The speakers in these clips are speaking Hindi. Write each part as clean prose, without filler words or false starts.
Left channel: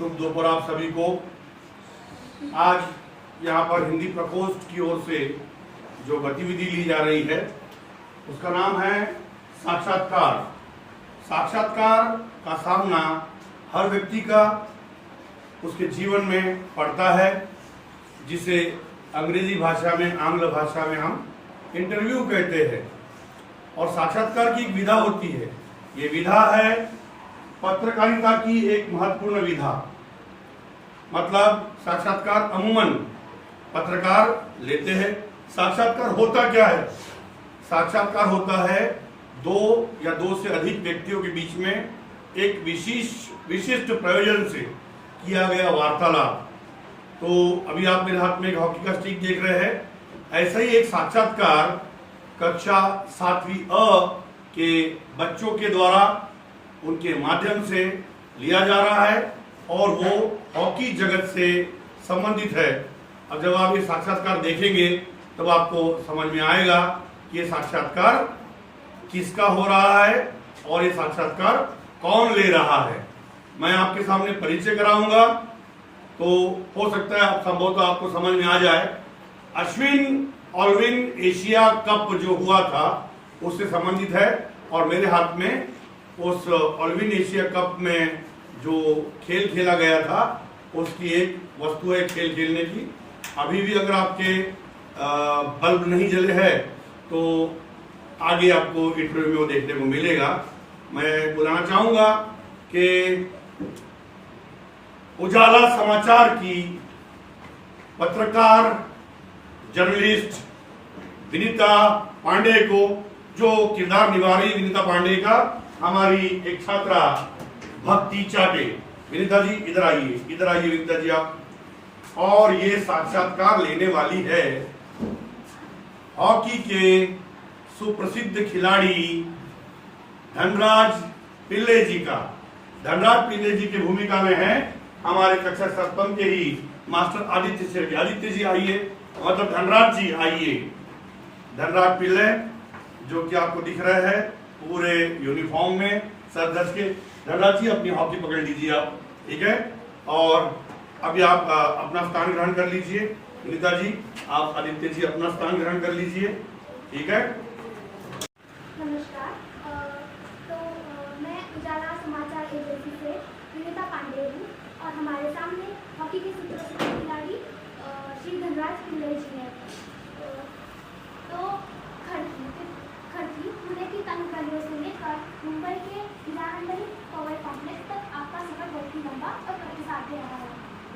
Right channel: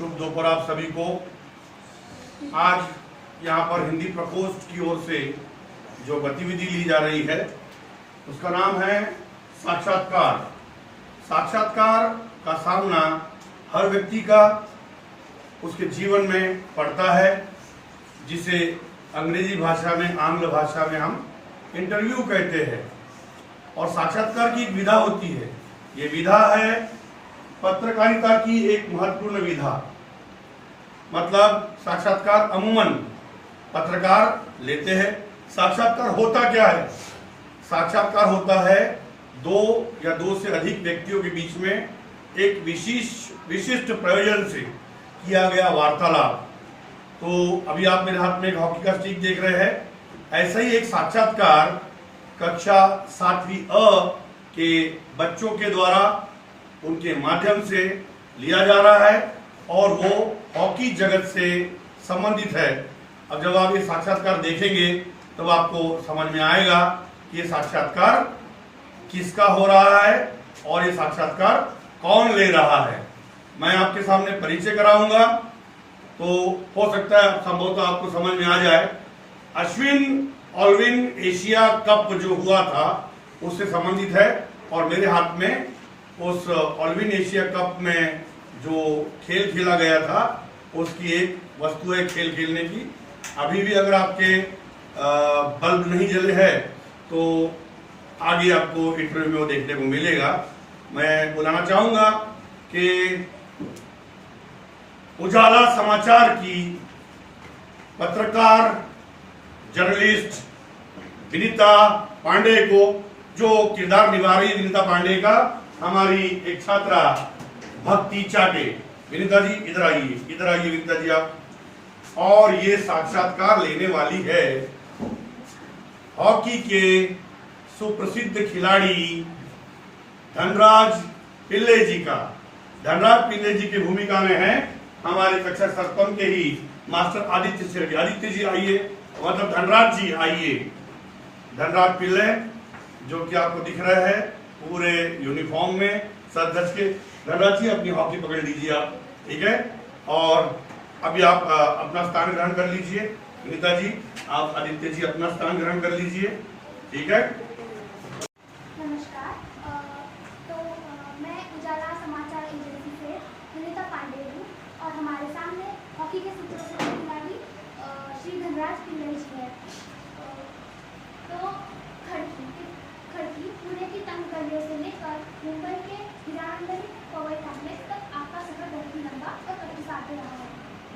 शुभ दोपहर आप सभी को। आज यहाँ पर हिंदी प्रकोष्ठ की ओर से जो गतिविधि ली जा रही है उसका नाम है साक्षात्कार। साक्षात्कार का सामना हर व्यक्ति का उसके जीवन में पड़ता है, जिसे अंग्रेजी भाषा में, आंग्ल भाषा में हम इंटरव्यू कहते हैं। और साक्षात्कार की एक विधा होती है। ये विधा है पत्रकारिता की एक महत्वपूर्ण विधा। मतलब साक्षात्कार अमूमन पत्रकार लेते हैं। साक्षात्कार होता क्या है? साक्षात्कार होता है दो या दो से अधिक व्यक्तियों के बीच में एक विशिष्ट प्रयोजन से किया गया वार्तालाप। तो अभी आप मेरे हाथ में एक हॉकी का स्टिक देख रहे हैं। ऐसा ही एक साक्षात्कार कक्षा 7वीं अ के बच्चों के द्वारा उनके माध्यम से लिया जा रहा है और वो हॉकी जगत से संबंधित है। अब जब आप ये साक्षात्कार देखेंगे तब आपको समझ में आएगा कि ये साक्षात्कार किसका हो रहा है और ये साक्षात्कार कौन ले रहा है। मैं आपके सामने परिचय कराऊंगा तो हो सकता है संभवतः आपको समझ में आ जाए। अश्विन ऑलविन एशिया कप जो हुआ था उससे संबंधित है और मेरे हाथ में उस ऑलविन एशिया कप में जो खेल खेला गया था उसकी एक वस्तु है खेल खेलने की। अभी भी अगर आपके बल्ब नहीं जले हैं तो आगे आपको इंटरव्यू में देखने को मिलेगा। मैं बुलाना चाहूंगा कि उजाला समाचार की पत्रकार जर्नलिस्ट विनीता पांडे को, जो किरदार निभा रही विनीता पांडे का हमारी एक छात्रा भक्ति चाटे। विनीता जी इधर आइए विनीता जी आप। और ये साक्षात्कार लेने वाली है हॉकी के सुप्रसिद्ध खिलाड़ी धनराज पिल्ले जी का। धनराज पिल्ले जी की भूमिका में है हमारे कक्षा 7 के ही मास्टर आदित्य शेरगी। आदित्य जी आइए, मतलब धनराज जी आइए। धनराज पिल्ले जो कि आपको दिख रहा है पूरे यूनिफॉर्म में सर धज के। धनराज जी अपनी हॉकी पकड़ लीजिए आप, ठीक है। और अभी आप अपना स्थान ग्रहण कर लीजिए। विनीता जी आप आदित्य जी अपना स्थान ग्रहण कर लीजिए, ठीक है। नमस्कार। मैं उजाला समाचार एजेंसी से विनीता पांडे हूँ और हमारे सामने हॉकी के सुप्रसिद्ध खिलाड़ी श्री धनराज पिल्ले जी हैं। तो खड़की पुणे की तंग गलियों से लेकर मुंबई के हिरानंदानी पॉवर कॉम्प्लेक्स तक आपका सफर बहुत ही लंबा और प्रतिसादी रहा है।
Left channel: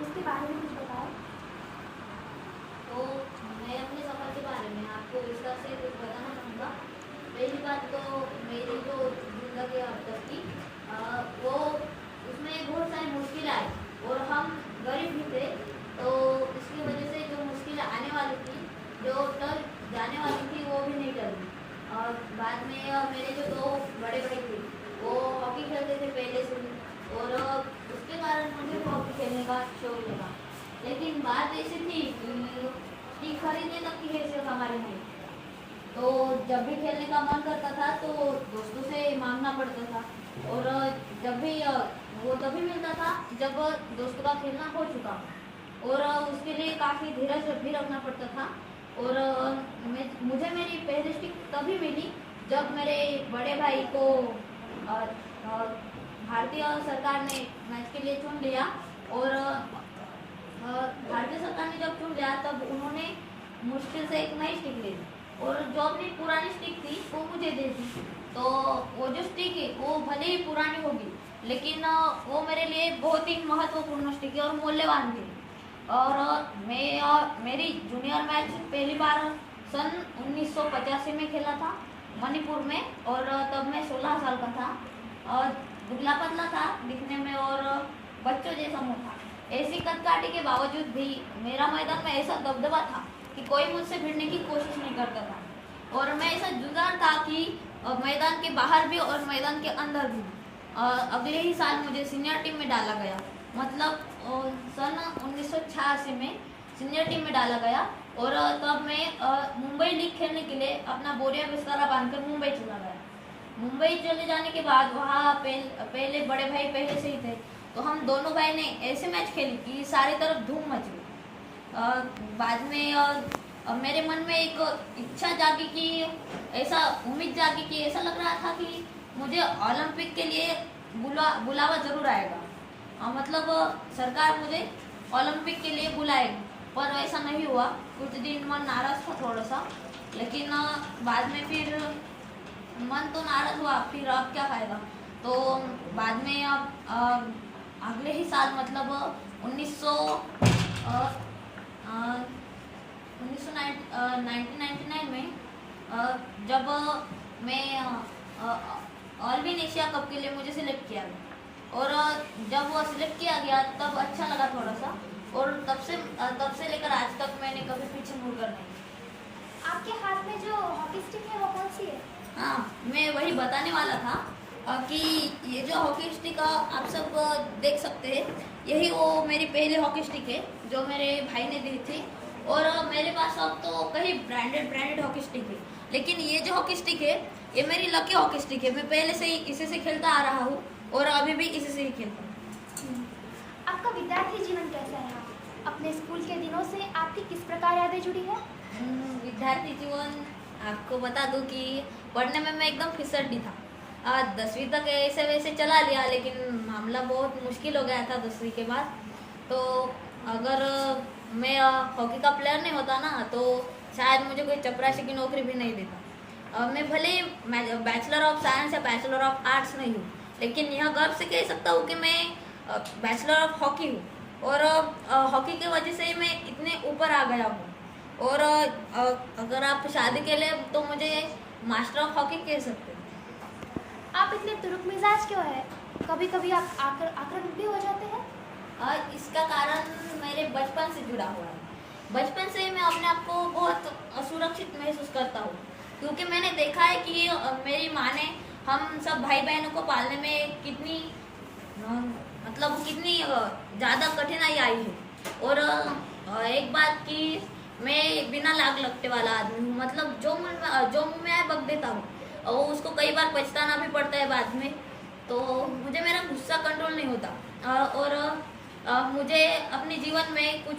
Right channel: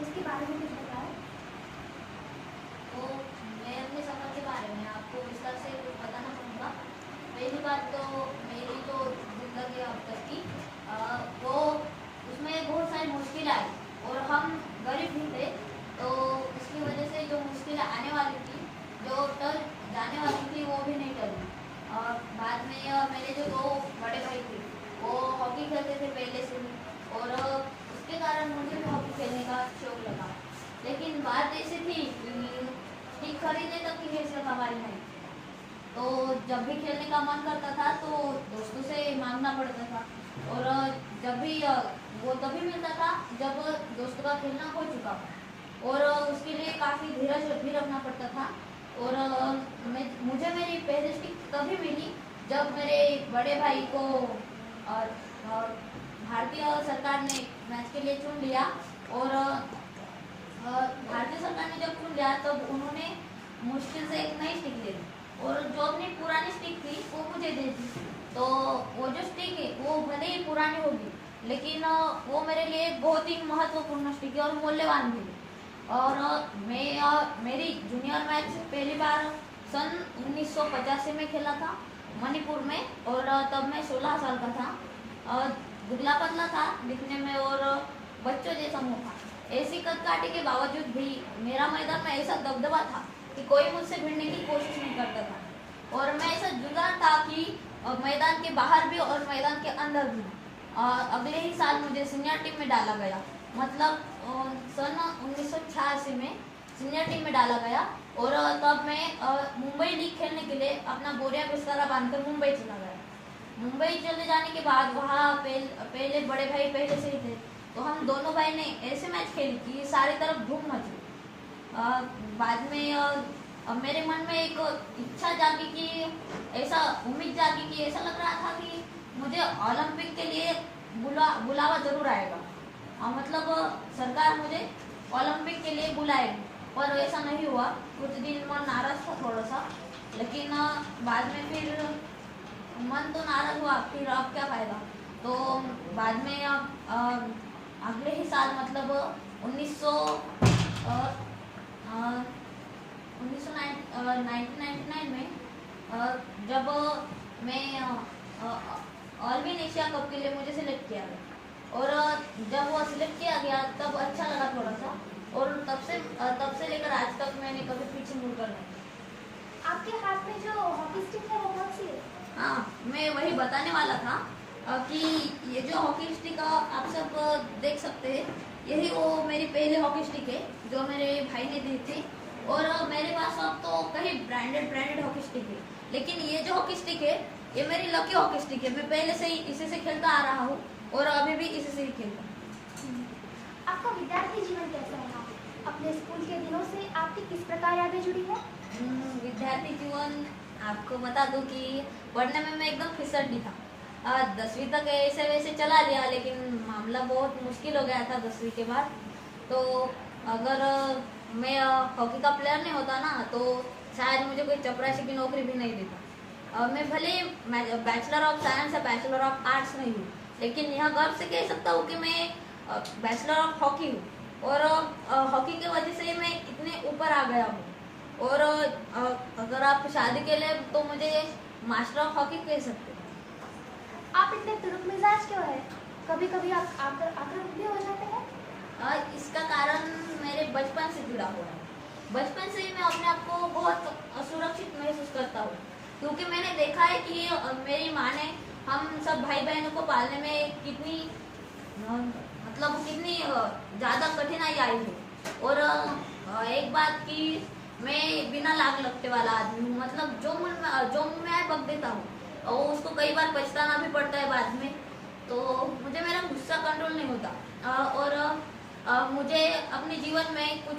इसके बारे में कुछ बताएं। तो मैं अपने सफर के बारे में आपको विस्तार से कुछ बताना चाहूँगा। पहली बात तो मेरी जो जिंदगी अब तक की वो उसमें बहुत सारी मुश्किलें आई और हम गरीब भी थे, तो इसकी वजह से जो मुश्किलें आने वाली थी, जो तक जाने वाली थी, वो भी नहीं टली। और बाद में मेरे जो 2 बड़े भाई थे वो हॉकी खेलते थे पहले से ही और उसके कारण मुझे भी हॉकी खेलने का शौक लगा। लेकिन बात ऐसी थी कि खरीदने तक की हैसियत हमारी नहीं, तो जब भी खेलने का मन करता था तो दोस्तों से मांगना पड़ता था और जब भी वो तभी मिलता था जब दोस्तों का खेलना हो चुका और उसके लिए काफ़ी धीरज भी रखना पड़ता था। और मुझे मेरी पहली स्टिक तभी मिली जब मेरे बड़े भाई को भारतीय सरकार ने मैच के लिए चुन लिया और भारतीय सरकार ने जब चुन लिया तब उन्होंने मुश्किल से एक नई स्टिक ले ली और जो अपनी पुरानी स्टिक थी वो मुझे दे दी। तो वो जो स्टिक है वो भले ही पुरानी होगी लेकिन वो मेरे लिए बहुत ही महत्वपूर्ण स्टिक है और मूल्यवान भी। और मेरी जूनियर मैच पहली बार सन 1985 में खेला था मणिपुर में और तब मैं 16 साल का था और दुबला पतला था दिखने में और बच्चों जैसा मुँह था। ऐसी कदकाठी के बावजूद भी मेरा मैदान में ऐसा दबदबा था कि कोई मुझसे भिड़ने की कोशिश नहीं करता था और मैं ऐसा जुगाड़ था कि मैदान के बाहर भी और मैदान के अंदर भी। अगले ही साल मुझे सीनियर टीम में डाला गया, मतलब सन 1986 में सीनियर टीम में डाला गया और तब मैं मुंबई लीग खेलने के लिए अपना बोरिया बिस्तरा बांधकर मुंबई चला गया। मुंबई चले जाने के बाद वहाँ पहले बड़े भाई पहले से ही थे तो हम दोनों भाई ने ऐसे मैच खेली कि सारी तरफ धूम मच गई। बाद में मेरे मन में एक इच्छा जागी कि ऐसा उम्मीद जागी कि ऐसा लग रहा था कि मुझे ओलंपिक के लिए बुलावा ज़रूर आएगा। मतलब सरकार मुझे ओलंपिक के लिए बुलाएगी, पर ऐसा नहीं हुआ। कुछ दिन मन नाराज़ था थोड़ा सा, लेकिन बाद में फिर मन तो नाराज़ हुआ, फिर अब क्या फ़ायदा। तो बाद में अगले ही साल मतलब 1999 में जब मैं ऑल इन एशिया कप के लिए मुझे सिलेक्ट किया गया, और जब वो सिलेक्ट किया गया तब अच्छा लगा थोड़ा सा, और तब से लेकर आज तक मैंने कभी पीछे मुड़कर नहीं। आपके हाथ में जो हॉकी स्टिक है वो कौन सी है? हाँ, मैं वही बताने वाला था कि ये जो हॉकी स्टिक आप सब देख सकते हैं, यही वो मेरी पहली हॉकी स्टिक है जो मेरे भाई ने दी थी। और मेरे पास अब तो कई ब्रांडेड हॉकी स्टिक है, लेकिन ये जो हॉकी स्टिक है ये मेरी लकी हॉकी स्टिक है। मैं पहले से ही इसी से खेलता आ रहा हूँ और अभी भी इसी से ही खेलता हूँ। आपका विद्यार्थी जीवन कैसा रहा? अपने स्कूल के दिनों से आपकी किस प्रकार यादें जुड़ी है? विद्यार्थी जीवन आपको बता दूं कि पढ़ने में मैं एकदम फिसड्डी था। 10वीं तक ऐसे वैसे चला लिया, लेकिन मामला बहुत मुश्किल हो गया था 10वीं के बाद। तो अगर मैं हॉकी का प्लेयर नहीं होता ना, तो शायद मुझे कोई चपरासी की नौकरी भी नहीं देता। मैं भले बैचलर ऑफ साइंस या बैचलर ऑफ आर्ट्स नहीं हूँ, लेकिन यह गर्व से कह सकता हूँ कि मैं बैचलर ऑफ हॉकी हूँ, और हॉकी की वजह से ही मैं इतने ऊपर आ गया हूँ। और अगर आप शादी के लिए तो मुझे मास्टर ऑफ हॉकी कह सकते हैं। आप इतने तुरुक मिजाज क्यों है? कभी कभी आप आक्रामक भी हो जाते हैं? इसका कारण मेरे बचपन से जुड़ा हुआ है। बचपन से ही मैं अपने आप को बहुत असुरक्षित महसूस करता हूँ, क्योंकि मैंने देखा है कि मेरी माँ ने हम सब भाई बहनों को पालने में कितनी ज़्यादा कठिनाई आई है। और एक बात कि मैं बिना लाग लगते वाला आदमी हूँ, मतलब जो मुँह में आए बक देता हूँ, और उसको कई बार पछताना भी पड़ता है बाद में। तो मुझे मेरा गुस्सा कंट्रोल नहीं होता, और मुझे अपने जीवन में कुछ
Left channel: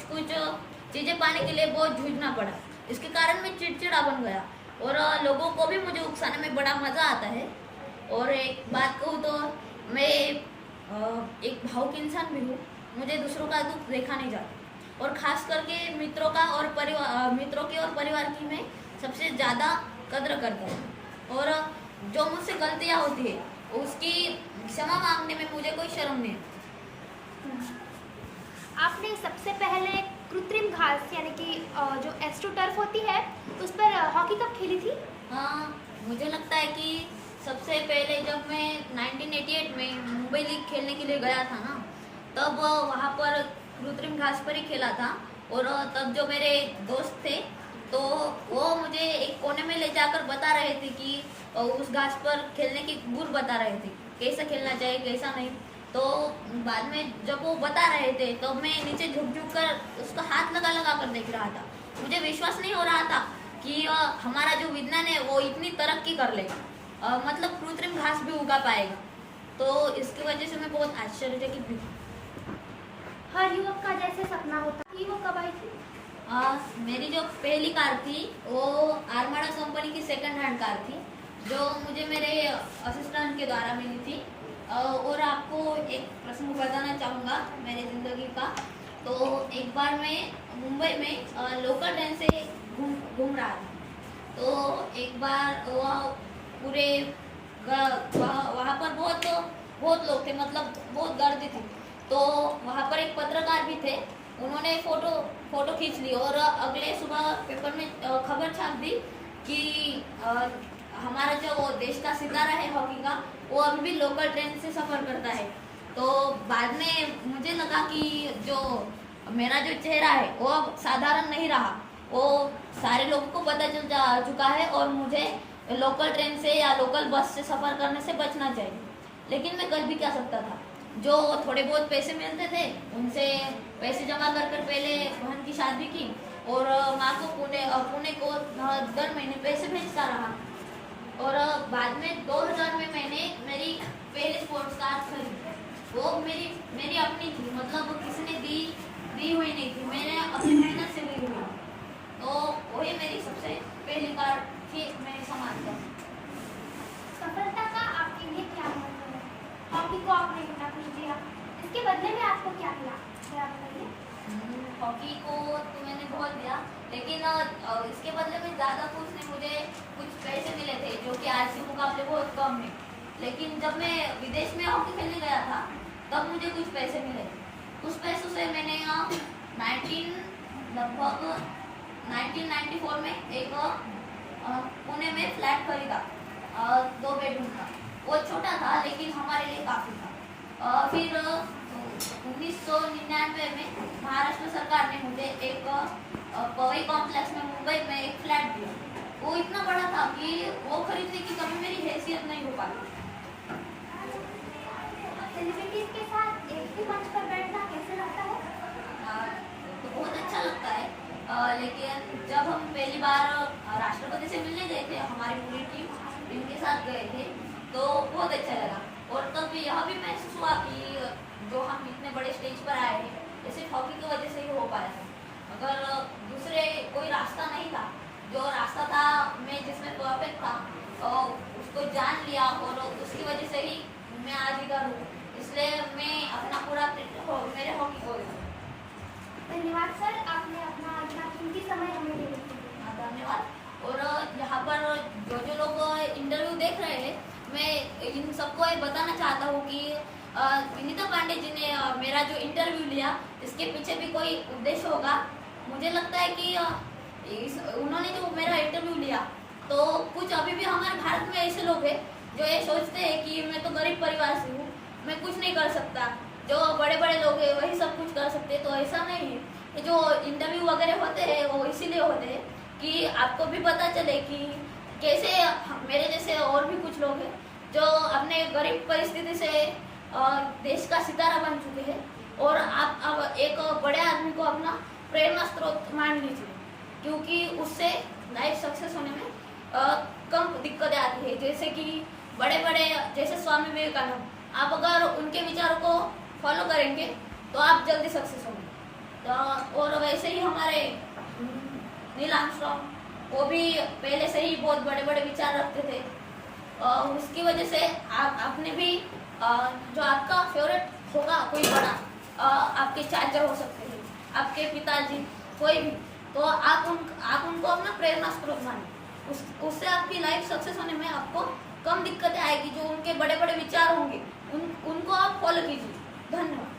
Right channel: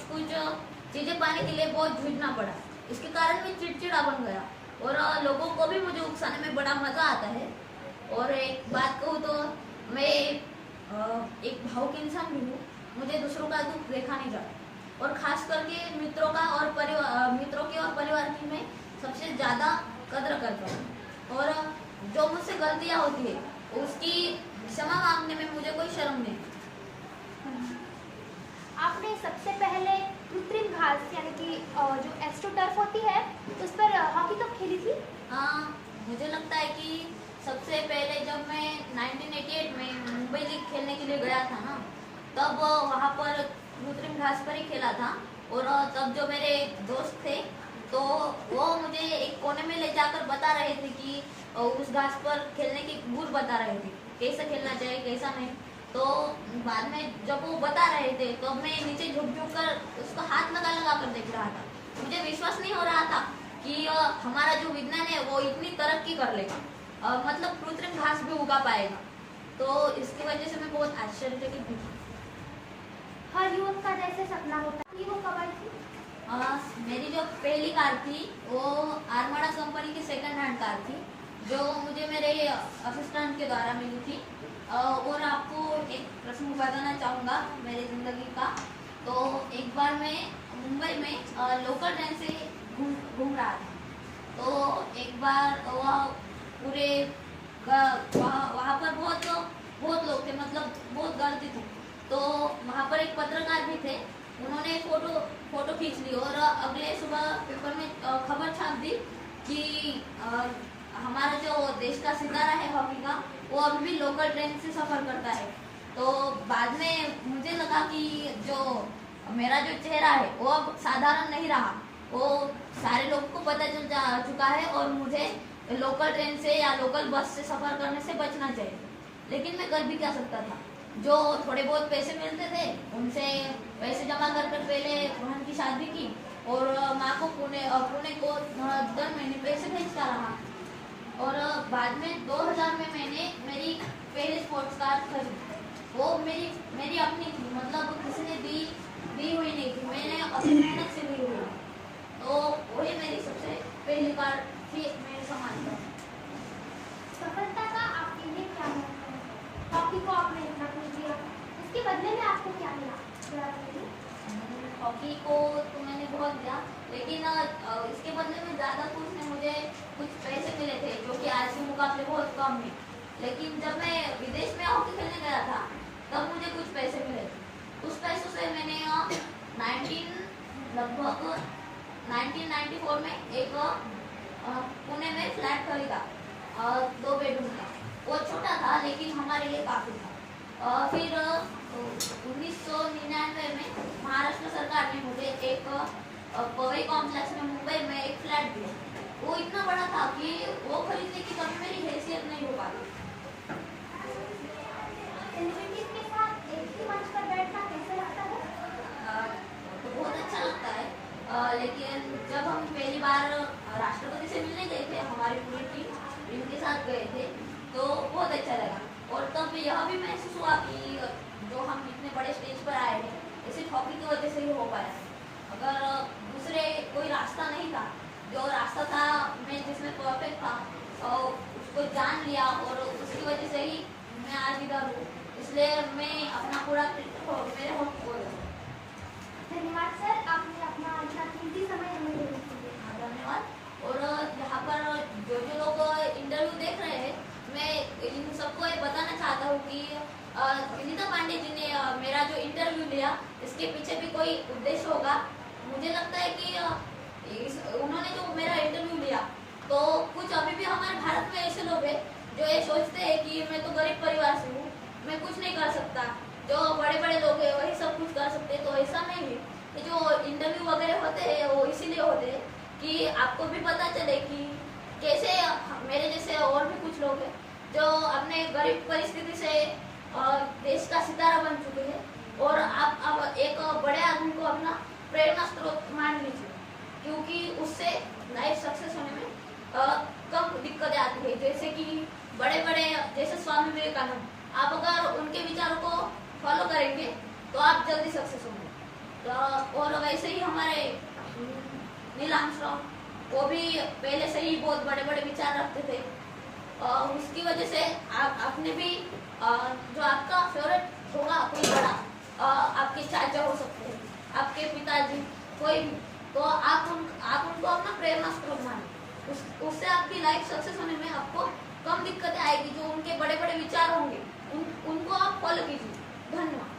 चीज़ें पाने के लिए बहुत जूझना पड़ा। इसके कारण मैं चिड़चिड़ा बन गया, और लोगों को भी मुझे उकसाने में बड़ा मज़ा आता है। और एक बात कहूँ तो मैं एक भावुक इंसान भी हूँ। मुझे दूसरों का दुख देखा नहीं जाता, और ख़ास करके मित्रों की और परिवार की मैं सबसे ज़्यादा कद्र करता हूँ। और जो मुझसे गलतियाँ होती है उसकी क्षमा मांगने में मुझे कोई शर्म नहीं है। आपने सबसे पहले कृत्रिम घास यानी कि जो एस्ट्रोटर्फ होती है उस पर हॉकी कब खेली थी? मुझे लगता है कि सबसे पहले जब मैं 1988 में मुंबई लीग खेलने के लिए गया था ना, तब वहाँ पर कृत्रिम घास पर ही खेला था। और तब जो मेरे दोस्त थे तो वो मुझे एक कोने में ले जाकर बता रहे थे कि उस घास पर खेलने की गुर बता रहे थे, कैसा खेलना चाहिए कैसा नहीं। तो बाद में जब वो बता रहे थे तो मैं नीचे झुक कर उसका हाथ लगा कर देख रहा था। मुझे विश्वास नहीं हो रहा था कि हमारा जो विज्ञान है वो इतनी तरक्की कर लेगा, मतलब कृत्रिम घास भी उगा पाएगा। तो इसकी वजह से मैं बहुत आश्चर्यचकित भी था। हर युवक का जैसे सपना होता है, वो कब आई थी? मेरी जो पहली कार थी वो आर्माडा कंपनी की सेकंड हैंड कार थी, जो मुझे मेरे असिस्टेंट के द्वारा मिली थी। और आपको एक प्रसंग बताना चाहूँगा मेरी ज़िंदगी का। तो एक बार मैं मुंबई में लोकल ट्रेन से घूम रहा था। तो एक बार वहाँ पर बहुत लोग थे, मतलब बहुत गर्दी थी। तो वहाँ पर एक पत्रकार भी थे, उन्होंने फोटो खींच ली और अगले सुबह पेपर में खबर छाप दी कि हमारा जो देश का सितारा है हॉकी का, वो अभी भी लोकल ट्रेन से सफ़र करता है। तो बाद में मुझे लगा कि जो मेरा जो चेहरा है वो अब साधारण नहीं रहा, वो सारे लोगों को पता चल चुका है और मुझे लोकल ट्रेन से या लोकल बस से सफ़र करने से बचना चाहिए। लेकिन मैं कर भी क्या सकता था। जो थोड़े बहुत पैसे मिलते थे उनसे पैसे जमा कर पहले बहन की शादी की, और माँ को पुणे को दर महीने पैसे भेजता रहा। और बाद में 2000 में मैंने मेरी पहली स्पोर्ट्स कार खरीदी। वो मेरी अपनी थी, मतलब किसी ने दी हुई नहीं थी, मैंने अपनी मेहनत से ली हुई। तो वही मेरी सबसे पहली बार थी मैं समाज का। सफलता का आपके लिए क्या महत्व है? हॉकी को आपने इतना कुछ दिया, इसके बदले में आपको क्या मिला? जरा बताइए। हॉकी को तो मैंने बहुत दिया, लेकिन इसके बदले में ज़्यादा कुछ नहीं, मुझे कुछ पैसे मिले थे जो कि आज के मुकाबले बहुत कम है। लेकिन जब मैं विदेश में हॉकी खेलने गया था तब मुझे कुछ पैसे मिले। उस पैसों से मैंने लगभग 1994 में एक पुणे में फ्लैट खरीदा, 2 बेडरूम का। वो छोटा था लेकिन हमारे लिए काफ़ी था। फिर 1999 में महाराष्ट्र सरकार ने मुझे एक पवई कॉम्प्लेक्स में मुंबई में एक फ्लैट दिया। वो इतना बड़ा था कि वो खरीदने की कभी मेरी हैसियत नहीं हो पाई। सेलिब्रिटीज के साथ एक ही मंच पर बैठना कैसे लगता है? तो बहुत अच्छा लगता है, लेकिन जब हम पहली बार राष्ट्रपति से मिलने गए थे, हमारी पूरी टीम के साथ गए थे, तो बहुत अच्छा लगा। और तब यह भी महसूस हुआ कि जो हम इतने बड़े स्टेज पर आए हैं, ये सिर्फ हॉकी की वजह से ही हो पाया है। अगर दूसरे कोई रास्ता नहीं था, जो रास्ता था मैं जिसमें परफेक्ट था, और उसको जान लिया और उसकी वजह से ही मैं आज इधर हूँ। इसलिए मैं अपना पूरा मेरे हॉकी को धन्यवाद सर, आपने अपना इतना कीमती समय हमें देने के लिए। धन्यवाद। और यहाँ पर जो लोग इंटरव्यू देख रहे हैं, मैं इन सबको ये बताना चाहता हूँ कि विनीता पांडे जी ने मेरा जो इंटरव्यू लिया, इसके पीछे भी कोई उद्देश्य होगा। मुझे लगता है कि उन्होंने जो मेरा इंटरव्यू लिया, तो कुछ अभी भी हमारे भारत में ऐसे लोग हैं जो ये सोचते हैं कि मैं तो गरीब परिवार से हूँ, मैं कुछ नहीं कर सकता, जो बड़े बड़े लोग हैं वही सब कुछ कर सकते हैं। तो ऐसा नहीं है। ये जो इंटरव्यू वगैरह होते हैं वो इसीलिए होते हैं कि आपको भी पता चले कि कैसे मेरे जैसे और भी कुछ लोग हैं जो अपने गरीब परिस्थिति से देश का सितारा बन चुके हैं, और आप अब एक बड़े आदमी को अपना प्रेरणा स्रोत मान लीजिए, क्योंकि उससे लाइफ सक्सेस होने में कम दिक्कतें आती है। जैसे कि बड़े बड़े जैसे स्वामी विवेकानंद, आप अगर उनके विचारों को फॉलो करेंगे तो आप जल्दी सक्सेस होंगे। तो और वैसे ही हमारे नील आर्मस्ट्रांग, वो भी पहले से ही बहुत बड़े बड़े विचार रखते थे। उसकी वजह से आपने भी जो आपका फेवरेट होगा कोई बड़ा, आपके चाचा हो सकते हैं, आपके पिताजी, कोई भी, तो आप उनको अपना प्रेरणा स्रोत माने। उससे आपकी लाइफ सक्सेस होने में आपको कम दिक्कतें आएगी। जो उनके बड़े बड़े विचार होंगे उनको आप फॉलो कीजिए। धन्यवाद।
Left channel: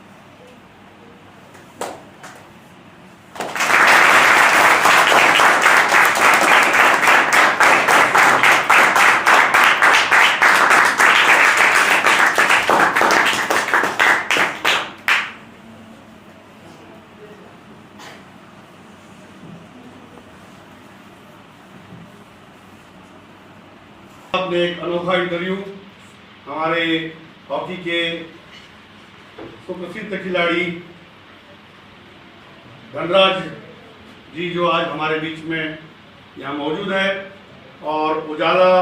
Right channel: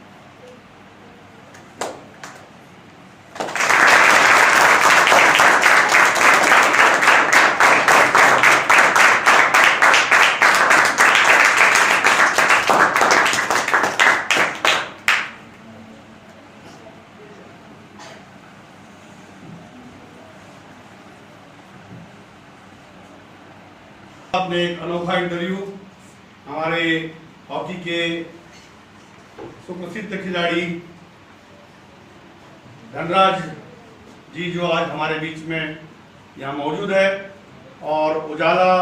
आपने एक अनोखा इंटरव्यू हमारे हॉकी के सुप्रसिद्ध खिलाड़ी धनराज जी, जो आज हमारे बीच में यहाँ मौजूद है, और उजाला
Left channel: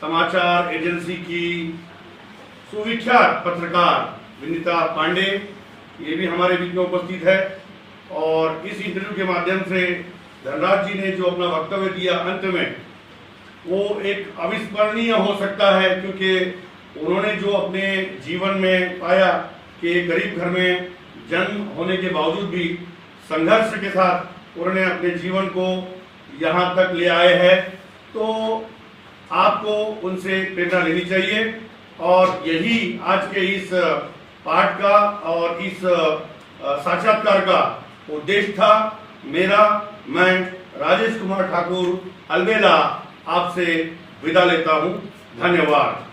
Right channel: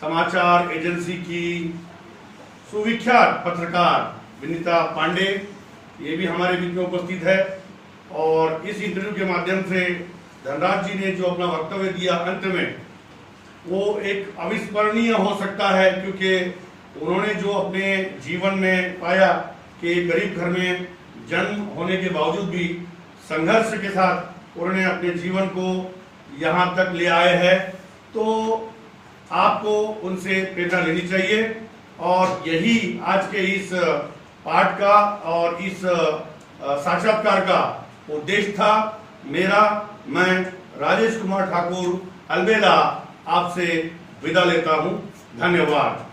समाचार एजेंसी की सुविख्यात पत्रकार विनीता पांडे, ये भी हमारे बीच में उपस्थित है। और इस इंटरव्यू के माध्यम से धनराज जी ने जो अपना वक्तव्य दिया अंत में, वो एक अविस्मरणीय हो सकता है, क्योंकि उन्होंने जो अपने जीवन में पाया कि गरीब घर में जन्म होने के बावजूद भी संघर्ष के साथ उन्होंने अपने जीवन को यहाँ तक ले आए हैं। तो आपको उनसे प्रेरणा लेनी चाहिए, और यही आज के इस पाठ का और इस साक्षात्कार का उद्देश्य था। मैं राजेश कुमार ठाकुर अलबेला आपसे विदा लेता हूं। धन्यवाद।